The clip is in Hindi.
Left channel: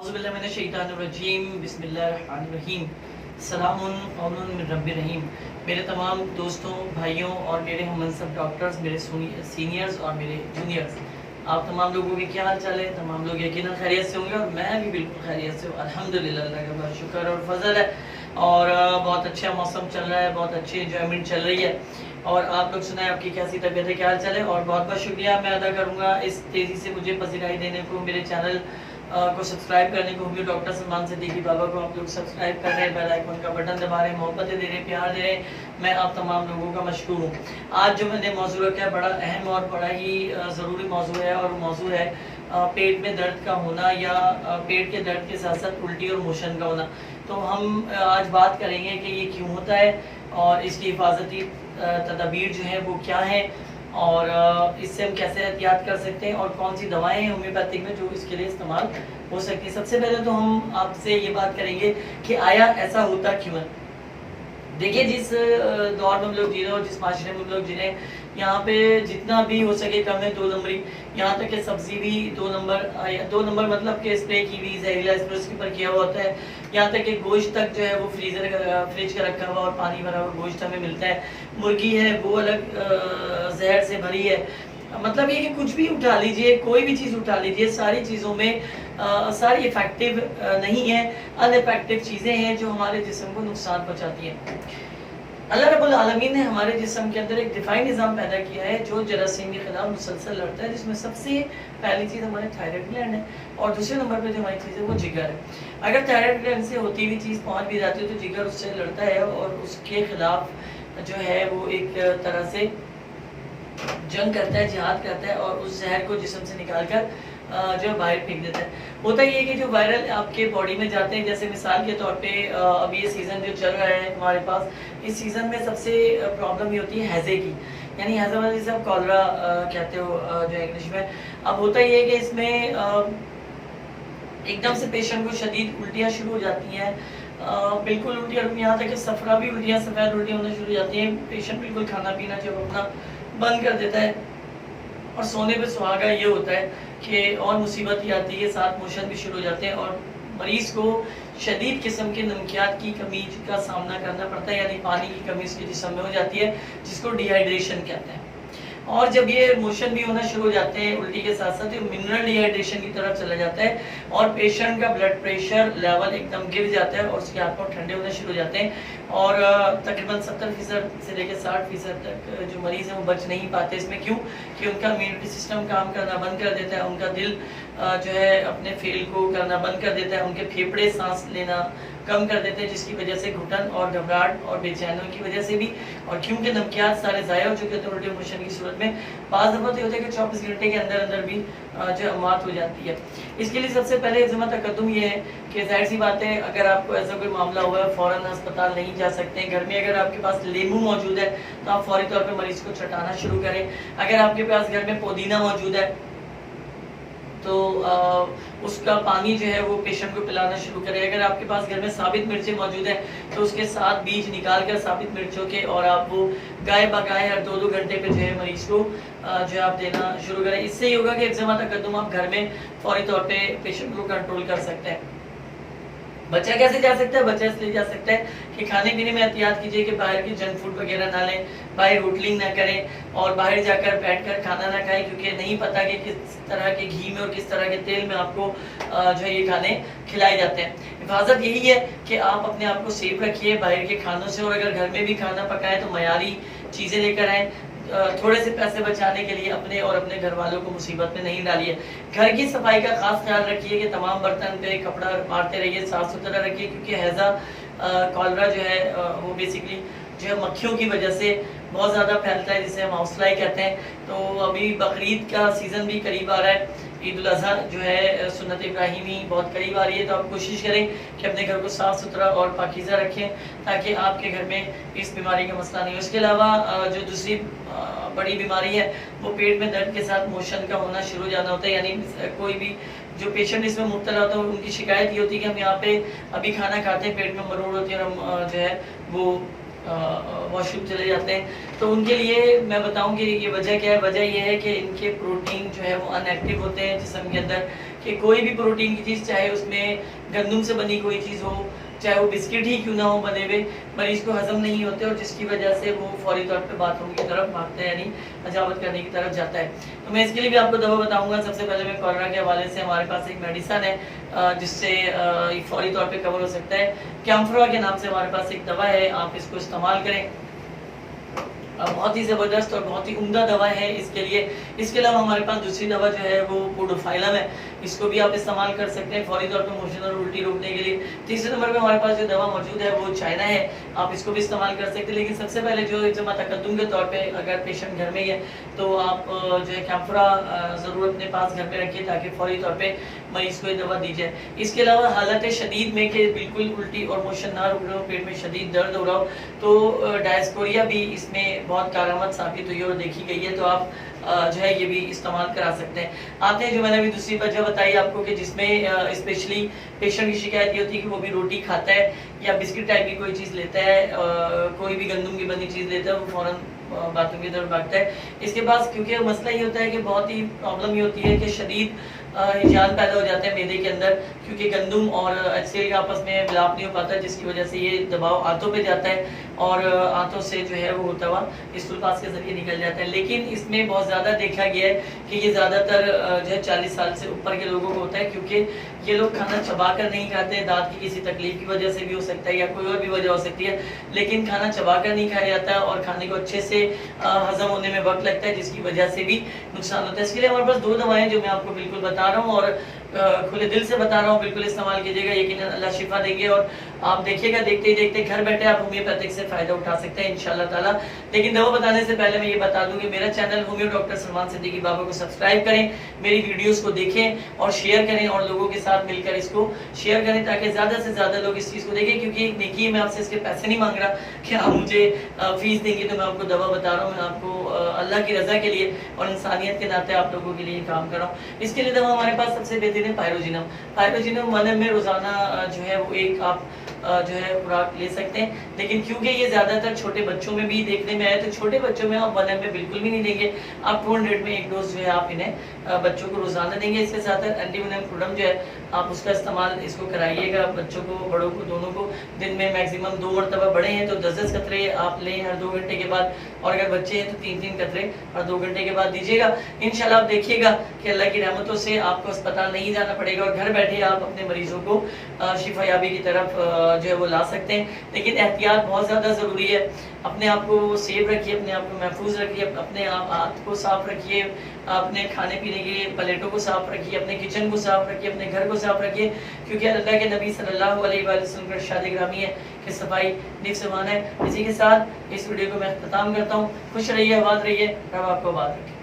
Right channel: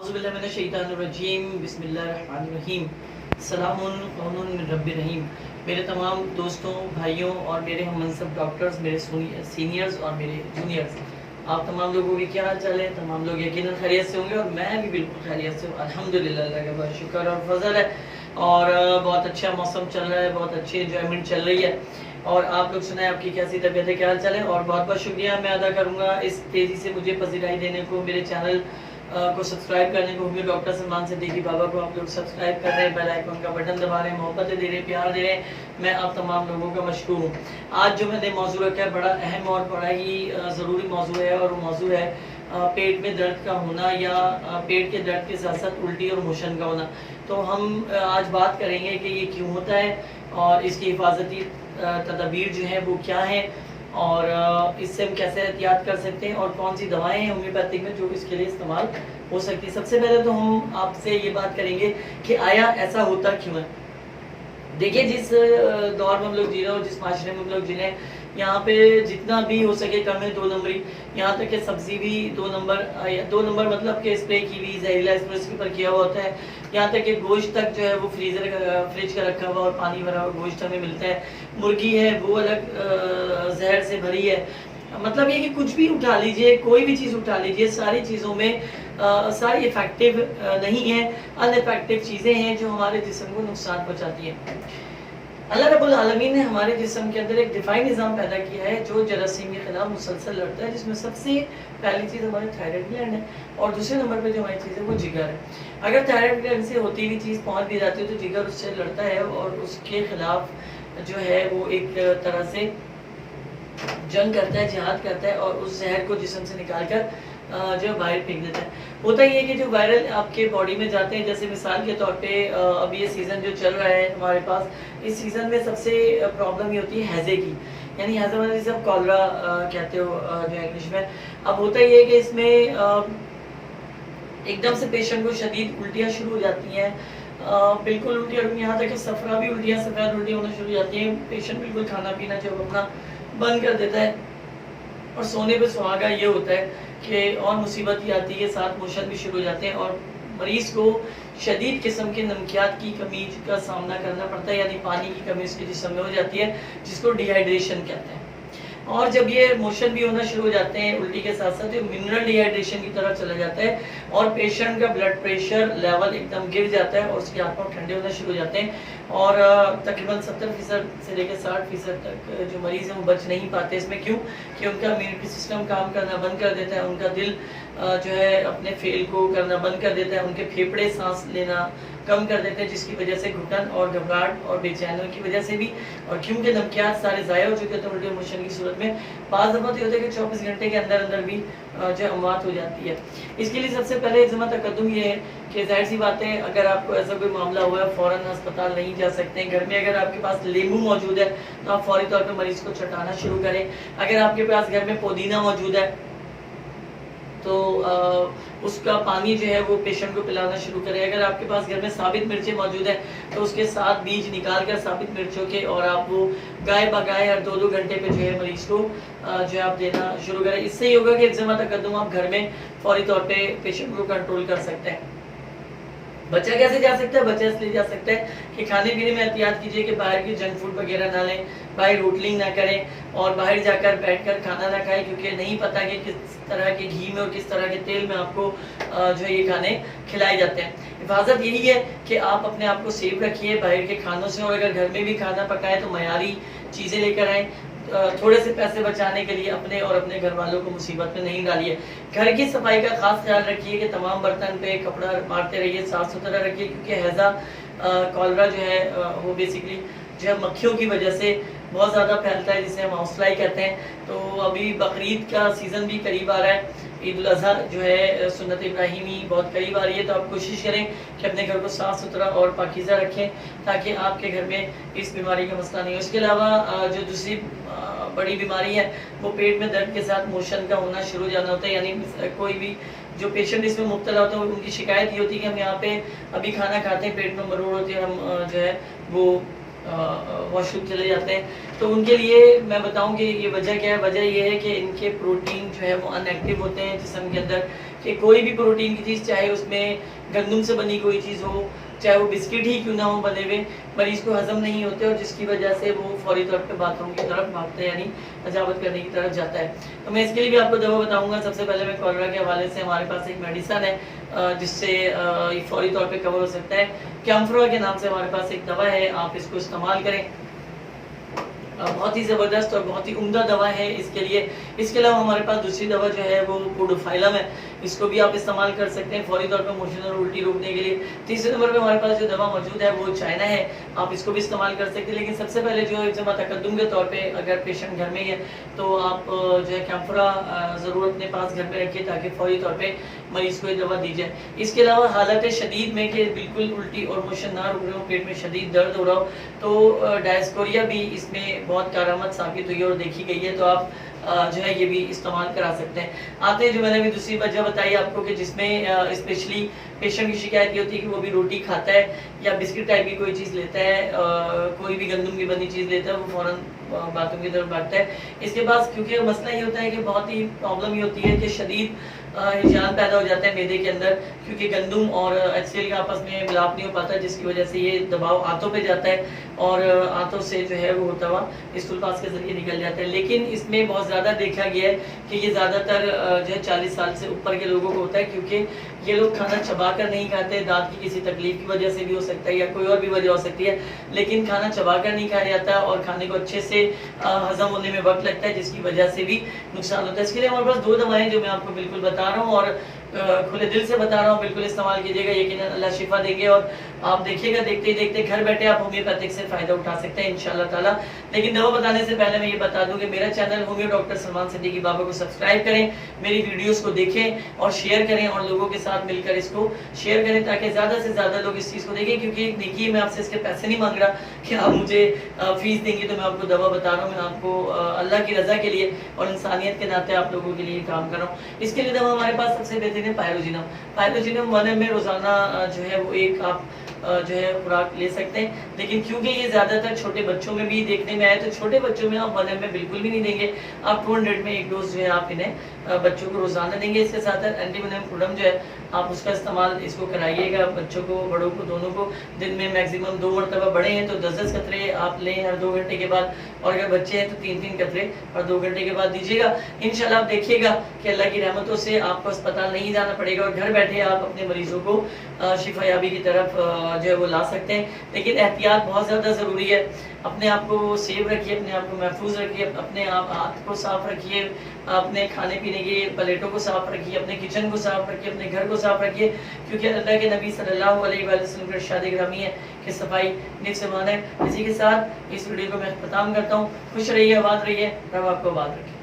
बिस्मिल्लाहिर्रहमानिर्रहीम। मेरे तमाम दोस्तों, भाइयों और मेरे हम मनसब डॉक्टर्स, मेरे सीनियर्स और मेरे जूनियर्स, आप तमाम लोगों के क्या हाल चाल है? तमाम लोग यकीनन खैरियत से होंगे और मैं भी बिल्कुल खैरियत से हूँ। अल्हम्दुलिल्लाह, अल्लाह का बहुत शुक्र और फजल है। और बहुत अच्छा मौसम चल रहा है, बहुत अच्छी एंजॉयमेंट चल रही है। और आप लोग सुनाएं, आपकी कैसी तबीयत है, क्या हाल चाल है? और बहुत बहुत शुक्रिया मैं अदा करूँगा इस तेज़ी से मुझे पजीराई देने को, मेरे चैनल को सब्सक्राइब करने को। भी डॉक्टर सलमान सिद्दीकी बाबा को आप लोग सब्सक्राइब कर रहे हैं, बेल आइकन का बटन दबा रहे हैं, मोहब्बतें दे रहे हैं, प्यार दे रहे हैं। मैं आप तमाम लोगों का मशकूर हूँ। आज जो मैंने मौजू रखा है बड़ा अहम और बड़ा ही ज़रूरी मौजू है, और वो मौजू है पेट में दर्द का होना, या पेट के दर्द के साथ साथ उल्टी और मोशन का होना। तो हम आज बात करेंगे कि ये क्यों होता है और इसकी हिफाजती तदाबीर जो है वो क्या है, और इससे हम कैसे एहतियात कर सकते हैं, और कौन सी दवाएं हैं होम्योपैथिक में जो इसके लिए इस्तेमाल हो सकती है। सबसे पहले तो हम आपसे ये बात करेंगे कि आया ऐसा होता क्यों है। देखिए, जिस दौर में हम लोग जी रहे हो, जिस माशरे में हम लोग जी रहे हैं, यहाँ पे जितना भी हो सके कम है 2 नंबरी। यहाँ तक कि सब्जी भी 2 नंबर मतलब कि स्प्रे की हुई जहरीला स्प्रे उसके ऊपर किया हुआ होता है। यहाँ तक कि गोश्त तक जो है वो फ्रिज का रखा हुआ और पानी भरा हुआ गोश्त हमें मिलता है। मुर्गी है वो अलग जहर से भरी है। मतलब ये कि कुछ भी उठा लीजिए, कोई भी चीज़ उठा लीजिए, सारी चीज़ों में सारी इफेक्टिव नहीं है, अनइफेक्टिव चीज़ें हैं जो हमारे जिस्म को नुकसान पहुंचाती हैं। अल्लाह रब्बुल आलमीन ने हमारे जिस्म के अंदर एक डिफाइन निज़ाम पैदा किया है जो जरासीम के खिलाफ मुसलसल लड़ता है, जिसमें सबसे पहली चीज़ हमारे थायराइड ग्लैंड है, और दूसरे नंबर पे जो हमारी चीज़ है वो जिगर है। अगर थायराइड ग्लैंड से होती हुई चीज़ पहुंच भी जाती है तो जिगर उससे लड़ता है और उसके खिलाफ जो है वो एक तरह से जंग करता है, जिहाद करता है, और उस जहर को जिस्म से निकाल कर जो बाहर फेंक देता है। होता ये है कि जो वायरल आपके बॉडी में जाते हैं, जैसे मिसाल के तौर पे अब ये सीज़न जो चल रहा है हमारे पास, इस सीज़न में सबसे प्रॉब्लम ये होती है हैज़े की, यानी हैज़ा मतलब जिसे आप कॉलरा कहते हो जो इंग्लिश में। अब होता ये है कि इसमें एकदम से पेशेंट को शदीद उल्टियाँ शुरू हो जाती हैं, बिल्कुल उल्टियाँ, यहाँ तक कि सफरा भी उल्टियाँ, सफ़ेद उल्टियाँ होना शुरू हो जाती हैं। पेशेंट बिल्कुल खाना पीना जब अपना बंद कर देता है, और सोने पे सुहागा ये होता है कि और मुसीबत ये आती है, साथ मोशन भी शुरू हो जाते हैं, और मरीज़ को शदीद किस्म के नमकियात की कमी का सामना करना पड़ता है, यानी पानी की कमी उसके जिस्म में हो जाती है, जिसको डिहाइड्रेशन कहते हैं। और जब ये मोशन भी होना शुरू हो जाते हैं उल्टी के साथ साथ, ये मिनरल डिहाइड्रेशन की तरफ चला जाता है, और पेशेंट का ब्लड प्रेशर लेवल एकदम गिर जाता है, और उसके हाथ पांव ठंडे होना शुरू हो जाते हैं, और तकरीबन 70% से लेकर 60% तक जो मरीज़ हैं वो बच नहीं पाते। इसमें क्यों? कि उनका इम्यूनिटी सिस्टम काम करना बंद कर देता है, उनका दिल जो है अपने फेल को करना बंद कर देता है, उनके फेफड़े सांस लेना कम कर देते हैं, जिसकी वजह से घुटन और घबराहट और बेचैनी की वजह से भी, और क्योंकि नमकियात सारे ज़ाया हो चुके थे उल्टे मोशन की सूरत में, बाज़ दफ़ा तो होता है कि 24 घंटे के अंदर अंदर भी जो अमवात हो जाती है। इसके लिए सबसे पहले ज़िम्मा तकद्दुम ये है कि ज़ाहिर सी बात है, अगर आपको ऐसा कोई मामला हुआ है फ़ौरन अस्पताल नहीं जा सकते हैं। घर में अगर आपके पास नींबू मौजूद है तो आप फौरी तौर पर मरीज़ को चटाना शुरू करें। अगर आपके पास घर में पुदीना मौजूद है तो उसका पानी जो है वो पेशेंट को पिलाना शुरू करें। अगर आपके पास घर में साबित मिर्चें मौजूद है तो उसके साथ बीज निकाल कर साबित मिर्चों के, और आप वो गाय बगाए हर 2-2 घंटे पे जो है मरीज को जो है आप देना शुरू करें। इससे ही होगा कि एक्जिमा तकद्दुम आप घर में फौरी तौर पे पेशेंट को कंट्रोल कर सकते हैं। बच्चा कैसे जा सकता है? बच्चा इसलिए जा सकता है कि खाने पीने में एहतियात कीजिए कि बाहर की जंक फूड वगैरह ना लें, बाहर होटलिंग ना करें, और बाहर जाकर बैठकर खाना ना खाएं, क्योंकि नहीं पता कि किस तरह के घी में और किस तरह के तेल में आपको जो है ये खाने खिलाए जाते हैं। हिफाजत यही है कि आप अपने आप को सेफ रखिए बाहर के खानों से, और अगर घर में भी खाना पकाएं तो मयारी चीज़ें लेकर आएँ। थोड़े से पैसे बचाने के लिए अपने और अपने घर वालों को मुसीबत में नहीं डालिए। घर की सफाई का खास ख्याल रखिए कि तमाम बर्तन पे कपड़ा मारते रहिए, साफ सुथरा रखिए, क्योंकि हैज़ा कॉलरा जो है वो बेसिकली जो है मक्खियों की वजह से बहुत ज़्यादा फैलता है, जिसे हम हाउस फ्लाई कहते हैं। तो अभी बकरीद का सीज़न भी करीब आ रहा है, ईद उल अज़हा जो है सुन्नत इब्राहिमी बहुत करीब आ रही है, तो आप कोशिश करें कि अपने घर को साफ़ सुथरा और पाकीज़ा रखें, ताकि आपके घर में इस बीमारी का मसला नहीं हो। इसके अलावा जो दूसरी बड़ी बीमारी है वो पेट में दर्द के साथ मोशन का होना शुरू हो जाना होता है। यानी कोई भी जो पेशेंट इसमें मुब्तला होता है उनकी शिकायत ये होती है कि हम यहाँ पे अभी खाना खाते हैं, पेट में मरोड़ होती है, और हम जो है वो वॉशरूम चले जाते हैं। तो उनके लिए मैं बताऊं कि ये वजह क्या है। वजह ये है कि इनके प्रोटीन जो है वो अनएक्टिव होते हैं जिस्म के अंदर, कि कोई भी प्रोटीन की चीज़, चाहे उसमें गंदम से बनी कोई चीज़ हो, चाहे वो बिस्किट ही क्यों ना हो बने हुए, मरीज़ को हज़म नहीं होते और जिसकी वजह से वो फौरी तौर पे बाथरूम की तरफ भागता है, यानी हजामत करने की तरफ जाता है। तो मैं इसके लिए भी आपको दवा बताऊँगा। सबसे पहले मैं कॉलरा के हवाले से हमारे पास एक मेडिसन है जिससे ये फौरी तौर पे कवर हो सकता है। कैम्फ्रा के नाम से हमारे पास एक दवा है, आप इसको इस्तेमाल करें। बहुत ही ज़बरदस्त और बहुत ही उम्दा दवा है इसके लिए। इसके अलावा हमारे पास दूसरी दवा जो है वो पोडोफाइलम है, इसको भी आप इस्तेमाल कर सकते हैं फौरी तौर पे मोशन और उल्टी रोकने के लिए। तीसरे नंबर पे हमारे पास जो दवा मौजूद है वो चाइना है, आप इसको भी इस्तेमाल कर सकते हैं। लेकिन सबसे पहले जो तकद्दुम के तौर पे अगर पेशेंट घर में ही है तो आप जो है कैम्फरा ज़रूर अपने पास घर में रखिए ताकि फौरी तौर पे मरीज़ को ये दवा दी जाए। इसके अलावा हालत शदीद में कि बिल्कुल उल्टी और मोशन ना रुक रहे हो, पेट में शदीद दर्द हो रहा हो, तो डायस्पोरिया भी इसमें बहुत कारआमद साबित हुई है और देखी गई है, तो आप जो है ये भी इस्तेमाल करा सकते हैं। आते हैं जो मैंने अभी दूसरी वजह बताई आपको कि जिसमें स्पेशली पेशेंट की शिकायत ये होती है कि वो भी रोटी खाता है या बिस्किट टाइप की कोई चीज़ लेता है, कोई भी गंदम की बनी चीज़ लेता है, वो फ़ौरन बाथरूम की तरफ भागता है। इसके बाद क्योंकि मसला ये होता है कि बहुत ही प्रॉब्लम ये होती है कि शदीद हिजान पैदा हो जाता है मैदे के अंदर, क्योंकि गंदम और HCl का आपस में मिलाप नहीं हो पाता, जिसकी वजह से ये दबाव आंतों पे जाता है और आंतों से जो है वो होता हुआ स्टूल पास के जरिए निकल जाता है। लेकिन इसमें बहुत ज़्यादा देखा गया है कि ये ज़्यादातर जो है 40 साल से ऊपर के लोगों को होता है, क्योंकि ये लोग खाना चबा कर नहीं खाते, दांत की किसी तकलीफ की वजह से भी हो सकता है या कोई और भी वजह हो सकती है, लेकिन खाना चबा कर नहीं खाया जाता है और खाने को अच्छे से हजम होने में वक्त लगता है, जिसकी वजह से भी नुकसान होता है। इसके लिए हमारे पास 2 दवाएं जो मैं आपको बिल्कुल बता रहा हूँ और खुले दिल से बता रहा हूँ, बिल्कुल इस्तेमाल कीजिएगा, यकीनन अल्लाह शिफा देंगे और आप देखिएगा देखते ही देखते घर बैठे आप होम्योपैथिक से फायदा उठा सकते हैं इंशाल्लाह ताला। लेकिन दवा बताने से पहले मैं ये बता दूं कि मेरा channel homeo doctor Salman Siddiqui Baba को सब्सक्राइब करें, मेरी वीडियोस को देखें और शेयर करें और लोगों के साथ मिलकर इसको शेयर करें ताकि ज़्यादा से ज़्यादा लोग इस चीज़ को देखें। क्योंकि देखिए मैं आपसे इसके पैसे नहीं मांग रहा कि आप मुझे फीस देंगे तो मैं आपको दवा बता रहा हूँ, मैं आपको अल्लाह की रज़ा के लिए और इंसानियत के नाते आप लोगों के लिए काम कर रहा हूँ। इसके लिए दवा हमारे पास सबसे बेहतरीन है पायरोजिनम। पायरोजिनम 1 ml रोजाना जो है वो एक आप जो है खुराक ले सकते हैं। लेकिन क्योंकि ये ज़्यादातर छोटे बच्चों में भी देखने में आया, तो छोटे बच्चों में आप 1 ml बिल्कुल भी नहीं देंगे, आप 200 में एक डोज जो है आप इन्हें बच्चों को रोजाना देंगे। इसके साथ एंटीवेनम क्रूडम जो है आप उसका इस्तेमाल इसको कराइएगा, बच्चों को बड़ों को दोनों को दिन में मैक्सिमम 2 मरतबा, बड़े हैं तो 10-10 कतरे आप लें हर 2 घंटे के बाद, और अगर बच्चे हैं तो 3-3 कतरे हर 2 घंटे के बाद दीजिएगा। इंशाल्लाह आप देखिएगा कि अल्लाह की रहमतों से आपको अस्पताल नहीं जाना पड़ेगा और घर बैठे आप अपने मरीजों को शिफायाबी की तरफ जो है वो ला सकते हैं। लेकिन एहतियात बहुत ज़्यादा ज़रूरी है, अपने आप को सेफ रखिए, अपने आप को महफूज रखिए, अपने आप हाथ को साफ रखिए, अपने खाने पीने के प्लेटों को साफ रखिए, अपने किचन को साफ रखिए, अपने घर को साफ रखिए, क्योंकि अल्लाह के नबी सल्लल्लाहु अलैहि वसल्लम का इरशाद ग्रामी है कि सफाई निफ़्स ईमान है। इसी के साथ इस वीडियो को मैं ख़त्म करता हूँ। खुश रहिए, आबाद रहिए, रब आपको आबाद रखे।